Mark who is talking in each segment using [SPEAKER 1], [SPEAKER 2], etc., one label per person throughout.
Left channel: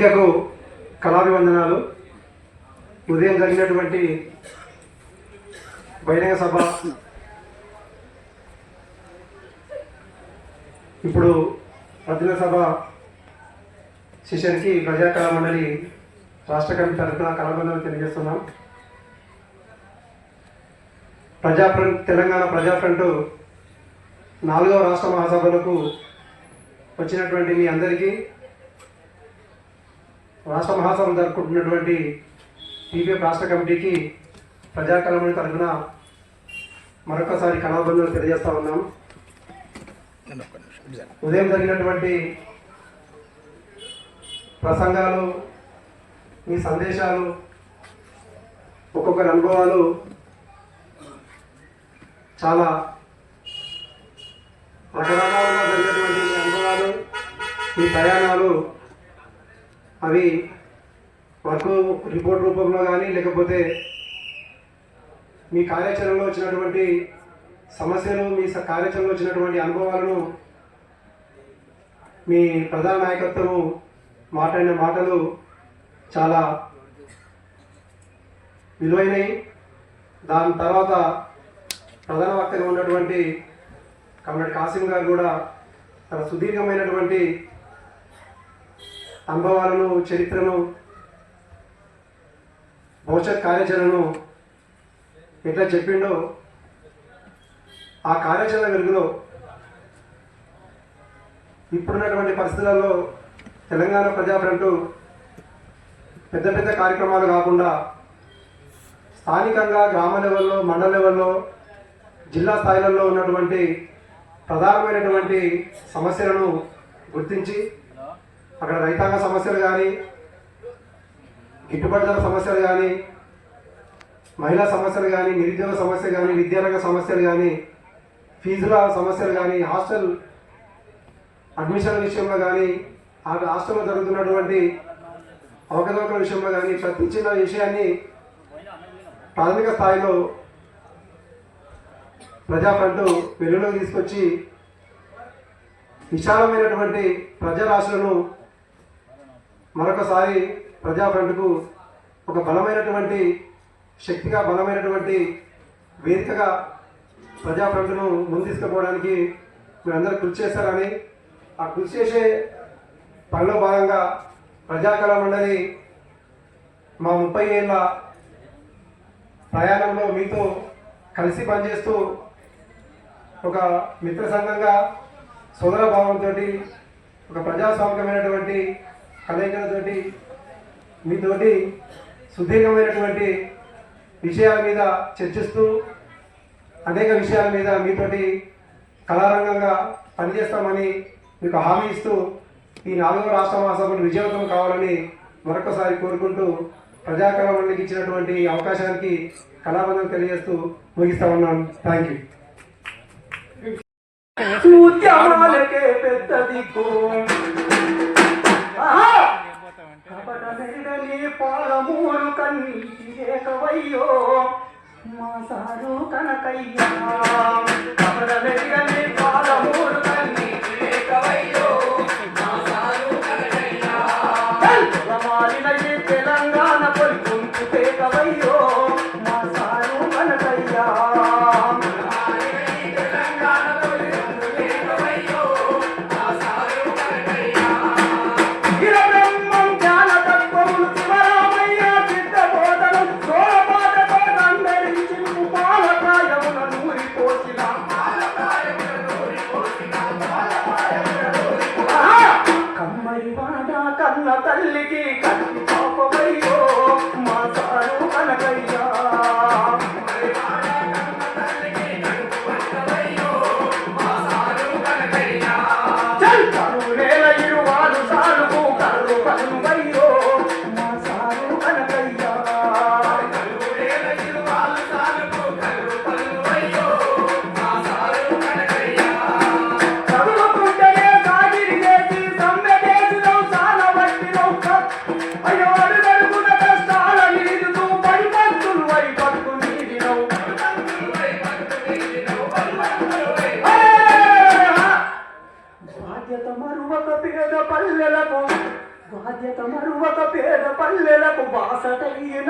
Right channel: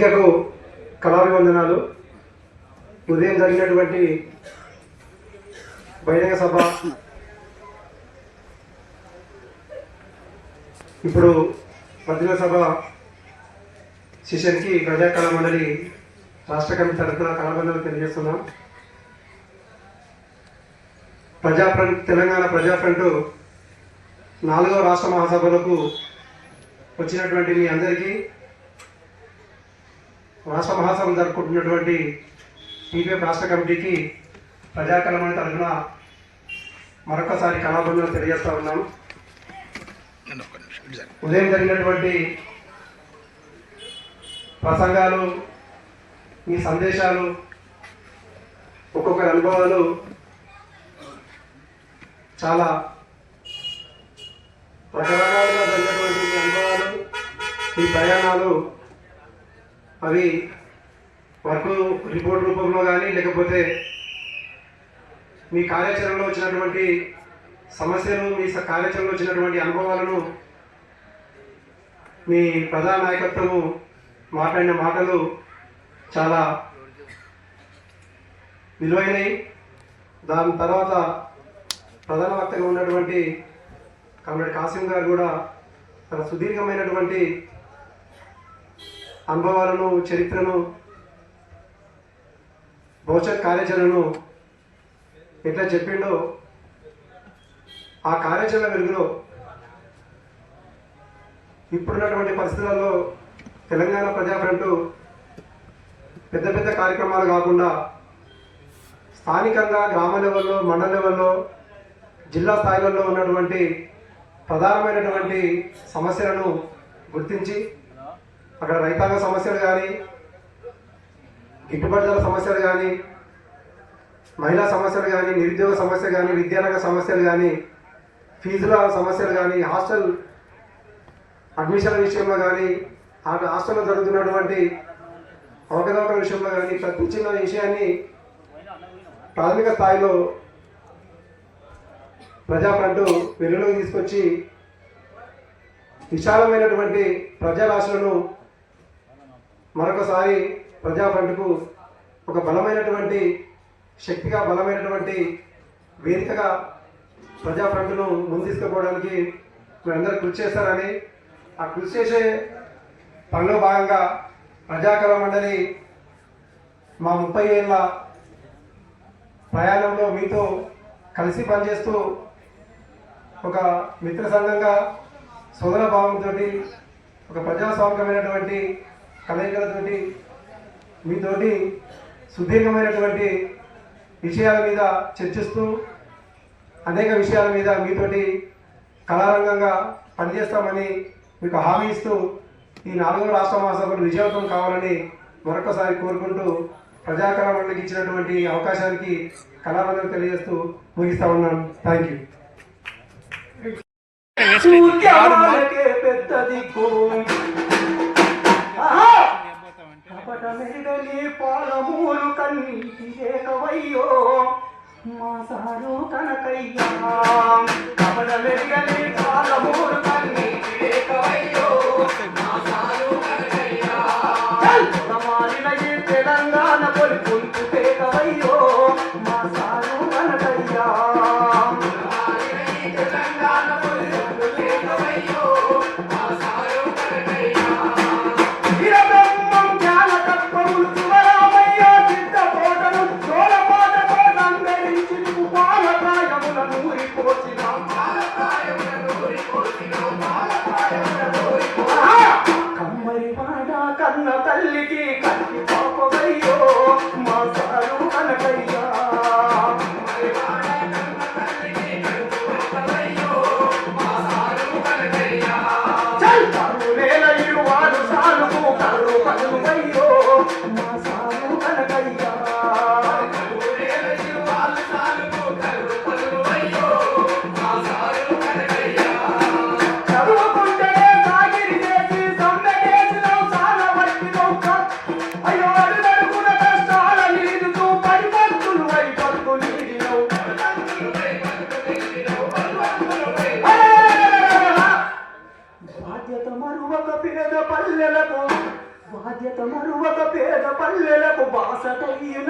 [SPEAKER 1] వేదికకు కళాభివందనాలు. ఉదయం జరిగినటువంటి బహిరంగ సభ. ఇప్పుడు మధ్యన సభ శిష్యునికి ప్రజా కళా మండలి రాష్ట్ర కమిటీ తరఫున కళాబంధనాలు తెలియజేస్తున్నాం. ప్రజా ఫ్రంట్ తెలంగాణ ప్రజా ఫ్రంట్ నాలుగవ రాష్ట్ర మహాసభలకు వచ్చినటువంటి మీ అందరికీ రాష్ట్ర మహాసభలు జరుపుకుంటున్నటువంటి టీపీఎఫ్ రాష్ట్ర కమిటీకి ప్రజాకళమని తరఫున మరొకసారి కళాబంధులు తెలియజేస్తా ఉన్నాం ఉదయం జరిగినటువంటి ప్రసంగాలు మీ సందేశాలు ఒక్కొక్కరి అనుభవాలు చాలా రకరకాలుగా జరిగినటువంటి అనుభవాలు మీ ప్రయాణాలు అవి వర్క్ రిపోర్ట్ రూపంలో కానీ లేకపోతే మీ కార్యాచరణలో వచ్చినటువంటి సమస్యలు మీ కార్యాచరణలో వచ్చినటువంటి అనుభవాలను మీ ప్రధాన నాయకత్వము మాట్లాడిన మాటలు చాలా విలువైనవి. దాని తర్వాత ప్రధాన వక్తగా ఉన్నటువంటి కమ్మడి కాసిం గారు కూడా తన సుదీర్ఘమైనటువంటి అనుభవాలను చరిత్రను భవిష్యత్ కార్యాచరణను ఎట్లా చెప్పిండో ఆ కార్యాచరణ వెలుగులో ఇప్పుడున్నటువంటి పరిస్థితులలో తెలంగాణ ప్రజాఫ్రంట్ పెద్ద పెద్ద కార్యక్రమాలు కాకుండా స్థానికంగా గ్రామ లెవెల్లో మండల లెవెల్లో జిల్లా స్థాయిలలో ఉన్నటువంటి ప్రధానమైనటువంటి సమస్యలను గుర్తించి అక్కడ రైతాంగ సమస్యలు కానీ గిట్టుబాటు సమస్యలు కానీ మహిళా సమస్యలు కానీ నిరుద్యోగ సమస్యలు కానీ విద్యారంగ సమస్యలు కానీ ఫీజుల సమస్యలు కానీ హాస్టల్ అడ్మిషన్ విషయంలో కానీ ఆ హాస్టల్లో జరుగుతున్నటువంటి అవకతవకల విషయంలో కానీ ప్రతి చిన్న విషయాన్ని ప్రాథమిక స్థాయిలో ప్రజాఫ్రంట్ వెలుగులోకి తీసుకొచ్చి విశాలమైనటువంటి ప్రజారాశులను మరొకసారి ప్రజాఫ్రంట్కు ఒక బలమైనటువంటి శక్తిగా బలమైనటువంటి వేదికగా ప్రజా ముందుకుపోవడానికి మీరందరూ కృషి చేస్తారని ఆ కృషి చేసే పనిలో భాగంగా ప్రజాకళ మండలి మా ముప్పై ఏళ్ళ ప్రయాణంలో మీతో కలిసి పనిచేస్తూ ఒక మిత్ర సంఘంగా సోదర భావంతో ఒక ప్రజాస్వామికమైనటువంటి కలయికలతోటి మీతోటి సుదీర్ఘమైనటువంటి విషయాల మీద చర్చిస్తూ అనేక విషయాల మీద మీతోటి కళారంగంగా పనిచేస్తామని మీకు హామీ ఇస్తూ ఈ నాలుగో రాష్ట్ర మహాసభలు విజయవంతం కావాలని మరొకసారి కోరుకుంటూ ప్రజాకళామండలికి ఇచ్చినటువంటి అవకాశానికి కళాబంధం తెలియజేస్తూ ముగిస్తా ఉన్నాను. థ్యాంక్ యూ
[SPEAKER 2] పెద్ద కపట మెడలి పాలమూలు కన్నీటి దేశవయ్యో మా సారు కనకయ్యా पढ़ लिखे Sao tự?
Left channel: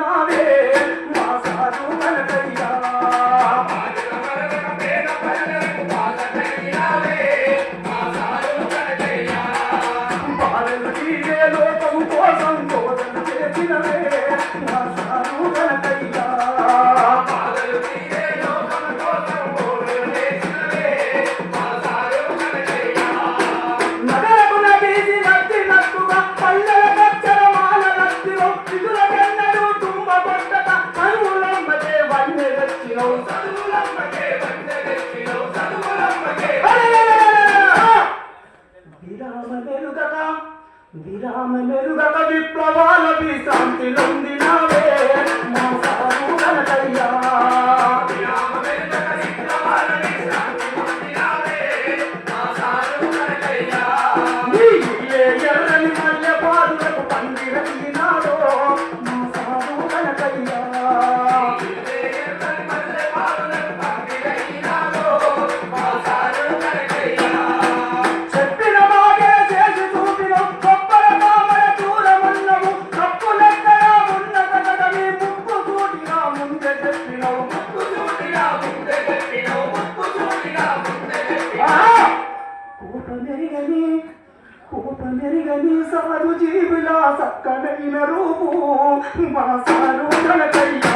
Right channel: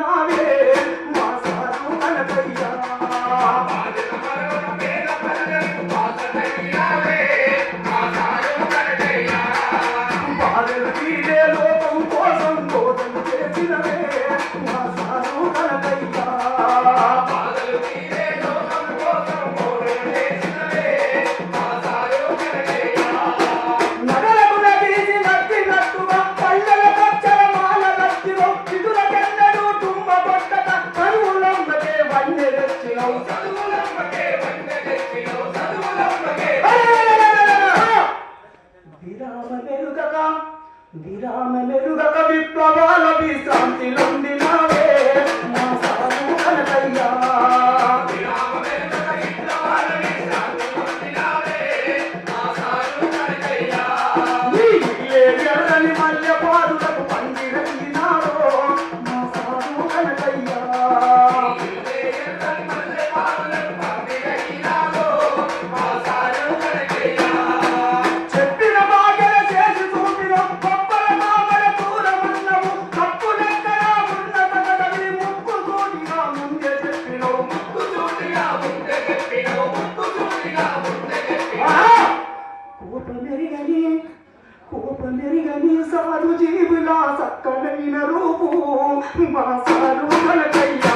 [SPEAKER 2] వినరూపు మా సారు మనకయ్యా.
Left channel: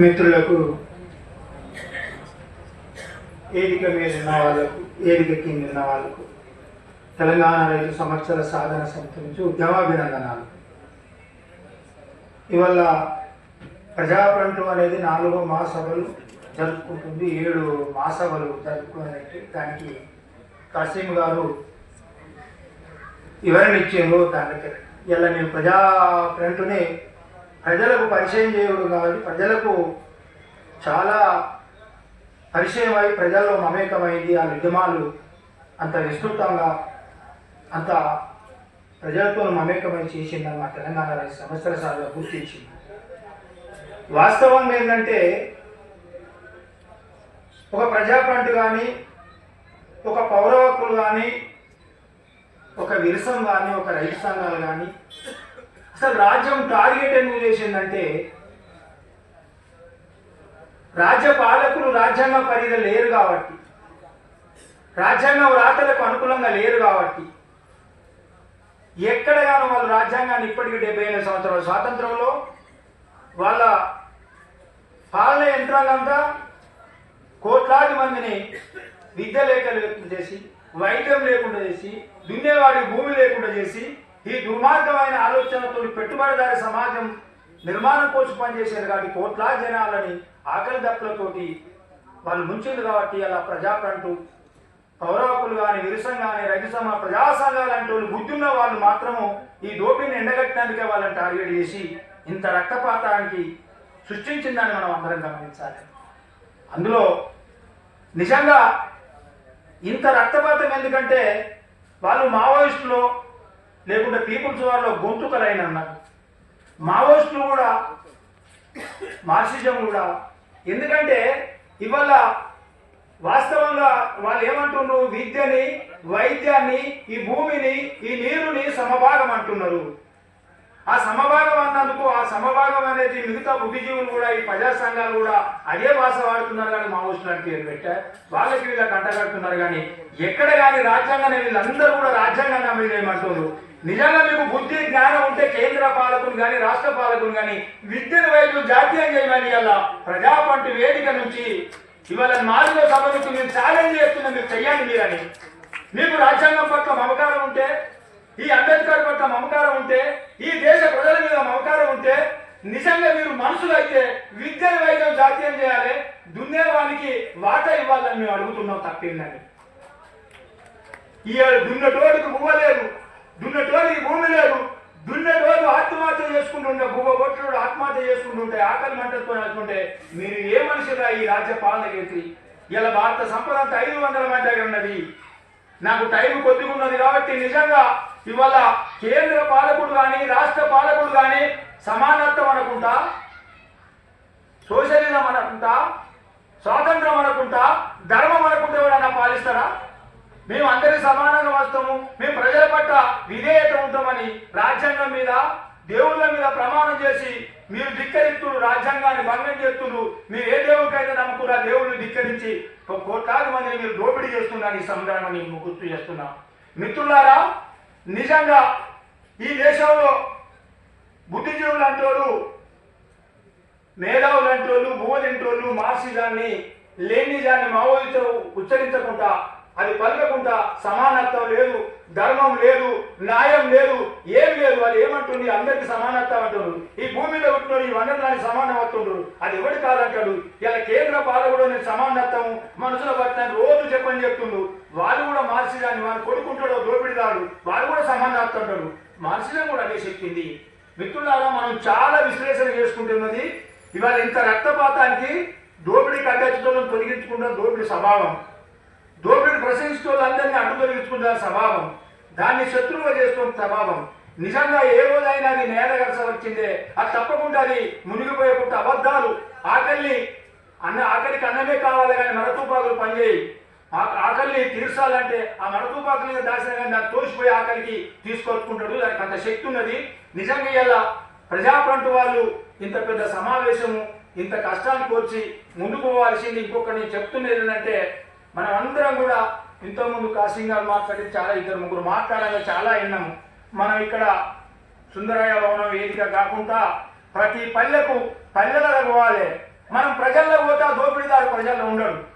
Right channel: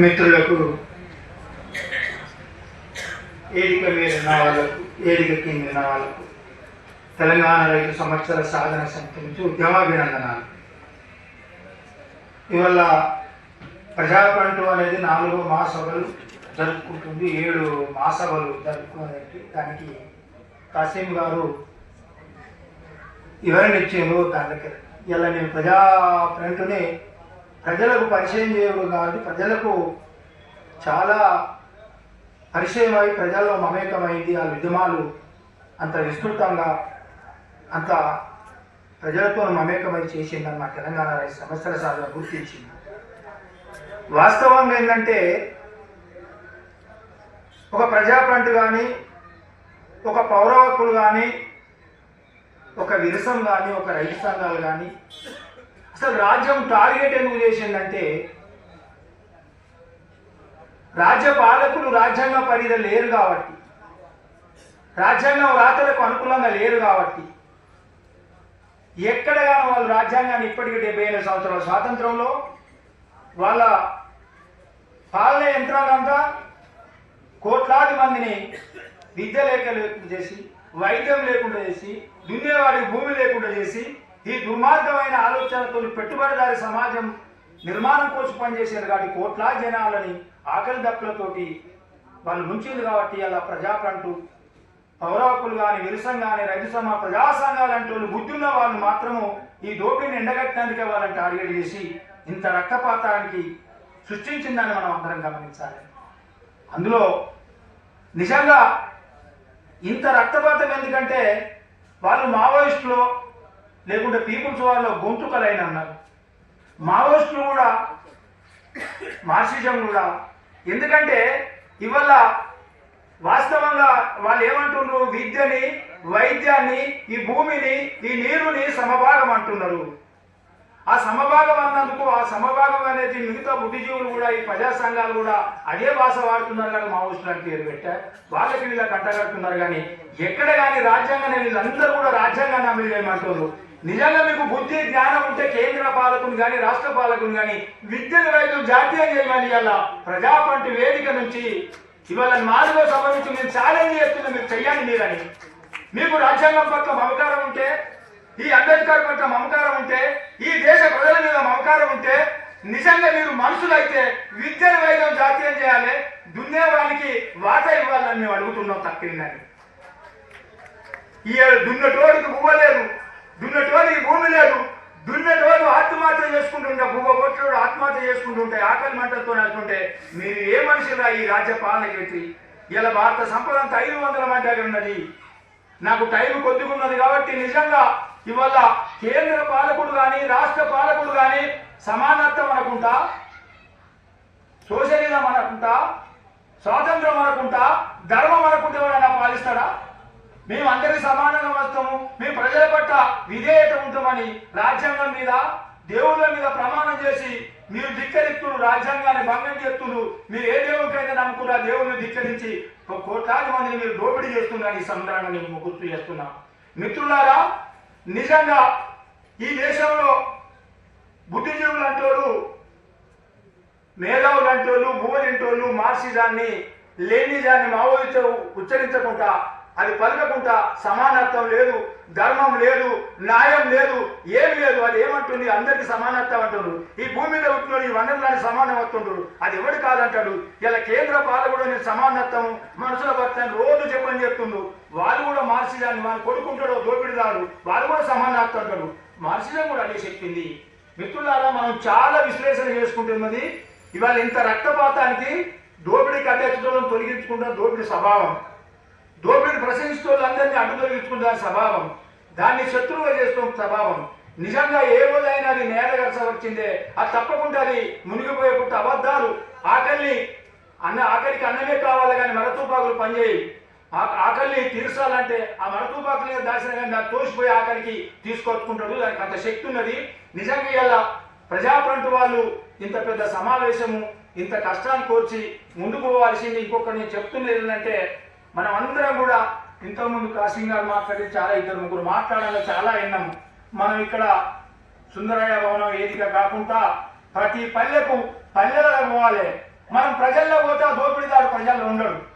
[SPEAKER 3] మిత్రులకు ఏడిక మీరిన వాళ్ళకు ఏడిక కిందిన వాళ్ళకు తెలంగాణ రైతు సంవత్సర సాధన సమితి నుంచి ఉద్యమాభినందనాలు. ఇవాళ ప్రజాకంఠం అనేది నాలుగో మహాసభలు జరుపుకుంటుంది ఏడు మహాసభలు జరుపుకునేది దానికి కాసిం గారు వివరణ ఇచ్చిండ్రు దానికి. ఇలా నేను ప్రజా ఫ్రంట్ని ప్రజలకు పరిచయం చేయడం కాబట్టి ప్రజలకు చాలా పరిచయం అయి ప్రజల్లో మమేకమైంది ఆ ఉద్యమాలు అంత విస్తృతంగా అంత ప్రజలతో మమేకమై చేసిందని మా తెలంగాణ రైతు సంవత్సర సార్లు గుర్తించింది వాస్తవంగా ఏంటంటే ఒక ప్రజాఫ్రంట్ కానీ ఒక పౌర హక్కులు కానీ ఒక విరసం కానీ ఒక రైతు సంఘాలు కానీ అసలు రాజ్యం టార్గెట్ ఎందుకు చేసిందంటే రాజ్య పాలకులు రాజ్యాంగ పరిధి లేరు కాబట్టి. రాజ్యాంగం రాతలకు అనుకూలంగా లేరు కాబట్టి. ఎక్కడగానో వాళ్ళు రాజ్యాంగాన్ని ఇప్పటికీ డెబ్బై ఎనిమిది సంవత్సరాల స్వాతంత్రంలో వాళ్ళ పాలన యంత్రాలంతా కోట్లాది మందిని విద్య లేక లేకుండా చేసి వైద్యం లేకుండా చేసి దున్నేవాడికి భూమి లేకుండా చేసి ఈ దుర్మార్గమైన ఆలోచనతో పెట్టుబడిదారి సమాజం నిర్మాణం కోసం పనిచేసేది కాబట్టి కోట్లా జనాలని ఆకలి దప్పులతోటి వాళ్ళు ముంచింది కాబట్టి అలా ప్రజాకంటూ పౌరాకులు కానీ విరుసం కానీ రైతు సమ ప్రజా సంఘాలు అంటే వాళ్ళు బుద్ధున్న వాళ్ళు మాత్రము ఈ డోపిని ఎండగట్టడానికే వాళ్ళని టార్గెట్ చేసి ఇంత రక్తపాతానికి సృష్టించిందని మనం అందరం గమనించాలి. అందులో నిజంగా ఇంత రక్తపాతం ఎందుకంటే వాళ్ళు మావోయిస్టులో లేకుంటే పీపుల్స్ వాళ్ళలో గొంతుకలైన అన్నారు మావోయిస్టులు కూడా మార్క్సిజం కూడా. ఎందుకంటే ఇవాళ వాస్తవంగా వాళ్ళు ఏమంటున్నారు విద్యని వైద్యాన్ని ఈ భూమిని ఈ నీరుని సమభాగం అంటున్నారు. ఆ సమభాగం అన్నందుకు ఆ సమభాగం అనేది మిగతా బుద్ధిజీవులు కూడా ఈ ప్రజా సంఘాలు కూడా అదే భాష వాడుతున్నారు కానీ మావోయిస్టులు పేరు పెట్టారు. వాళ్ళకి వీళ్ళకి అంటగడుతున్నారు కానీ ఎక్కడ కానీ రాజ్యాంగాన్ని వీళ్ళందరూ కూడా రాజ్యాంగాన్ని అమలు నిజంగా మీకు బుద్ధి జ్ఞానం ఉంటే కేంద్ర పాలకుని కానీ రాష్ట్ర పాలకుని కానీ విద్యను వైపు జాతీయం చేయమని ఇలా ప్రజాపంటి వేదిక నుంచి ఇవాళ మాదిలో సభ నుంచి నేను ఛాలెంజ్ చేస్తున్నాం మీరు చెయ్యాలి మీరని. మీకు రాజ్యాంగం పట్ల మమకారం ఉంటే ఈ అంబేద్కర్ పట్ల మమకారం ఉంటే ఈ దేశ ప్రజల మీద మమకారం ఉంటే నిజంగా మీరు మనుషులైతే విద్యను వైద్యం జాతీయం చేయాలి. దున్నేవానికి వాట ఇవ్వాలని మేము అడుగుతున్నాం తప్పిందని ఈ దున్నటోడికి బువ్వ లేదు భూమి లేదు. దున్నటోడు ఆత్మహత్య చేసుకుంటుంటే బువ్వ ఆత్మహత్య చేసుకుంటుంటే ఆకలి మంటలతో వేసుకుంటే మీరు ఏ మనుషులా ఈ రాజ్య పాలన చేసి? ఇలా భారత సంపద అంతా ఐదు వందల మంది ఉన్నది. నాకు టైం కొద్దిగా ఉన్నది కాబట్టి నిజంగా ఇవాళ కేంద్ర పాలకుడు కానీ రాష్ట్ర పాలకుడు కానీ సమానత్వం అనుకుంటా? సోషలిజం అనుకుంటా? స్వాతంత్రం అనుకుంటా? ధర్మం అనుకుంటే ఎవరైనా పాలిస్తారా? మేము అందరి సమానంగా వస్తాము. మేము ప్రజల పట్ల విధేయత ఉంటామని రాజ్యాంగం మీద దేవుళ్ళ మీద ప్రమాణం చేసి మీరు ధిక్కరిస్తున్నారు రాజ్యాంగాన్ని భంగం చేస్తున్నారు. మీరు ఏ దేవుడికైతే నమ్ముకున్న దేవుడిని ధిక్కరించి ఒక కోట్లాది మందిని మీరు దోపిడీ చేస్తున్నారు ఈ సందర్భంగా నేను గుర్తు చేస్తున్నా. మిత్రులారా నిజంగా ఈ దేశంలో బుద్ధిజీవులు అంటోళ్ళు మేధావులు అంటోళ్ళు భూవలింటోళ్ళు మార్సిజాన్ని లేనిజాన్ని మావోయితో ఉచ్చరించకుండా అది పలకకుండా సమానత్వం లేదు ధర్మం లేదు న్యాయం లేదు ఏం లేదు. అది ఏమంటుంది అందరికి సమానత్వం అంటున్నారు ఈ భూమి మీద ఈ వనరులని సమానం అవుతుండ్రు. అది ఎవడు కాదంటాడు? ఇలా కేంద్ర పాలకుడు నేను సమానత్వం మనుషుల పట్ల రోజు చెప్పని చెప్తుండ్రు వాళ్ళు కూడా మార్చిదాన్ని వాళ్ళు కొడుకుంటాడో దోపిడిదాడు వాళ్ళు కూడా సమానత్వం అంటారు మార్చిజం కూడా అదే చెప్పింది. మిత్రులారా మనం చాలా విశ్లేషణ చేసుకుంటున్నది ఇవాళ ఇంత రక్తపాతానికి దోపిడీ కట్టెచ్చడం తొలగించుకుంటున్న దోపిడీ స్వభావం. అందరినీ స్వభావం. దాన్ని శత్రువుగా చేసుకున్న స్వభావం. నిజంగా ఏ రోజైనా అది నేలగరస వచ్చిందే. అది తప్పకుండా అది మునిగిపోయే కొత్త అబద్ధాలు. ఆకలిని అన్న ఆకలికి అన్నమే కావాలి కానీ మరతుపాకులు పనిచేయి ఆ- ఆకలిని తీర్చాలంటే ఆ మరతుపాకుల మీద దాచిన కానీ దాన్ని తోసిపోయి ఆకలికి తీసుకొచ్చుకుంటాడు. దానికి అంత శక్తి ఉన్నది. నిజంగా ఇలా ప్రజాఫ్రంట్ వాళ్ళు ఇంత పెద్ద సమావేశము ఇంత కష్టాన్ని కోర్చి ముందుకు పోవాల్సింది ఇంకొకటి నేను చెప్తున్నది ఏంటంటే మనం అందరం కూడా ఇంతకుముందు కాసింగ్ గారు మాట్లాడి చాలా ఇద్దరు ముగ్గురు మాట్లాడాలి చాలా విన్నాము. మనం ఇక్కడ సుందరయ్య భవనం వేదిక కాకుండా ప్రతి పల్లెకు పల్లెలకు పోవాలి. మనం ప్రజల్లో పోతే దోపిడీదారు ప్రజల్లో ఉండడు.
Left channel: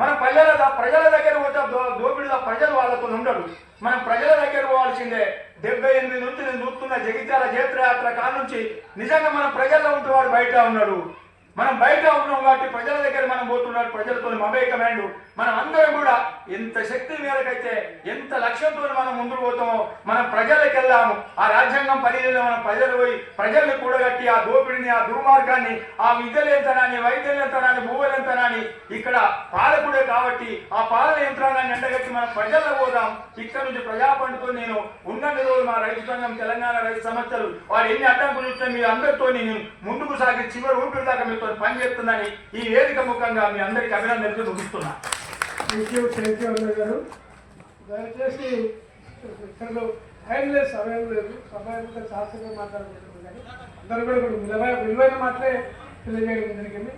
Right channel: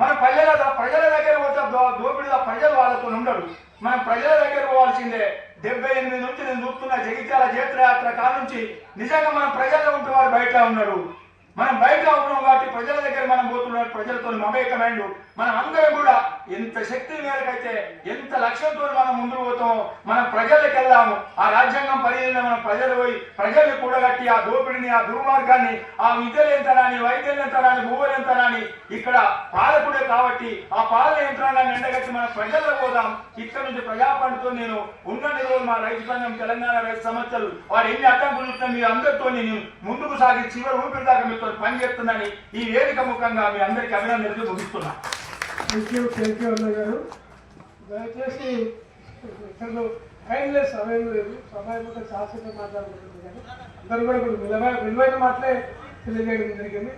[SPEAKER 3] మనం పల్లెల ప్రజల దగ్గర పోతే దో- దోపిడీల ప్రజలు వాళ్ళతో ఉండరు మనం ప్రజల దగ్గర పోవాల్సిందే. డెబ్బై ఎనిమిది నుంచి నేను చూస్తున్న జగిత్యాల జైత్రయాత్ర కాడ నుంచి నిజంగా మనం ప్రజల్లో ఉంటే వాడు బయట ఉన్నాడు. మనం బయట ఉన్నాం కాబట్టి ప్రజల దగ్గర మనం పోతున్నాడు ప్రజలతో మమేకమైండు. మనం అందరం కూడా ఎంత శక్తి మేరకైతే ఎంత లక్ష్యంతో మనం ముందుకు పోతామో మనం ప్రజలకు వెళ్దాము. ఆ రాజ్యాంగం పరిధిలో మనం ప్రజలు పోయి ప్రజల్ని కూడగట్టి ఆ దోపిడిని ఆ దుర్మార్గాన్ని ఆ విద్యలేంతనాన్ని వైద్యలేంతనాన్ని భూవలేంతనాన్ని ఇక్కడ పాలకుడే కాబట్టి ఆ పాలన యంత్రాంగాన్ని ఎండగట్టి మనం ప్రజల్లో పోదాం. ఇక్కడ నుంచి ప్రజాపండితో నేను ఉన్నన్ని రోజులు మా రైతు సంఘం తెలంగాణ రైతు సమస్యలు వారు ఎన్ని అడ్డంకులు చూసినా మీ అందరితో నేను ముందుకు సాగి చివరి ఊపిరి దాకా పని పనిచేస్తుందని ఈ వేదిక ముఖంగా మీ అందరికీ అభినందనలు ముగిస్తున్నా.
[SPEAKER 4] దయచేసి ఇతరులు టైం సమయం లేదు. సమయం ఉంటే శాస్త్రంగా మాట్లాడలేదు. కానీ అందరూ కూడా విలువైన మాటలే తెలియజేయడం జరిగింది.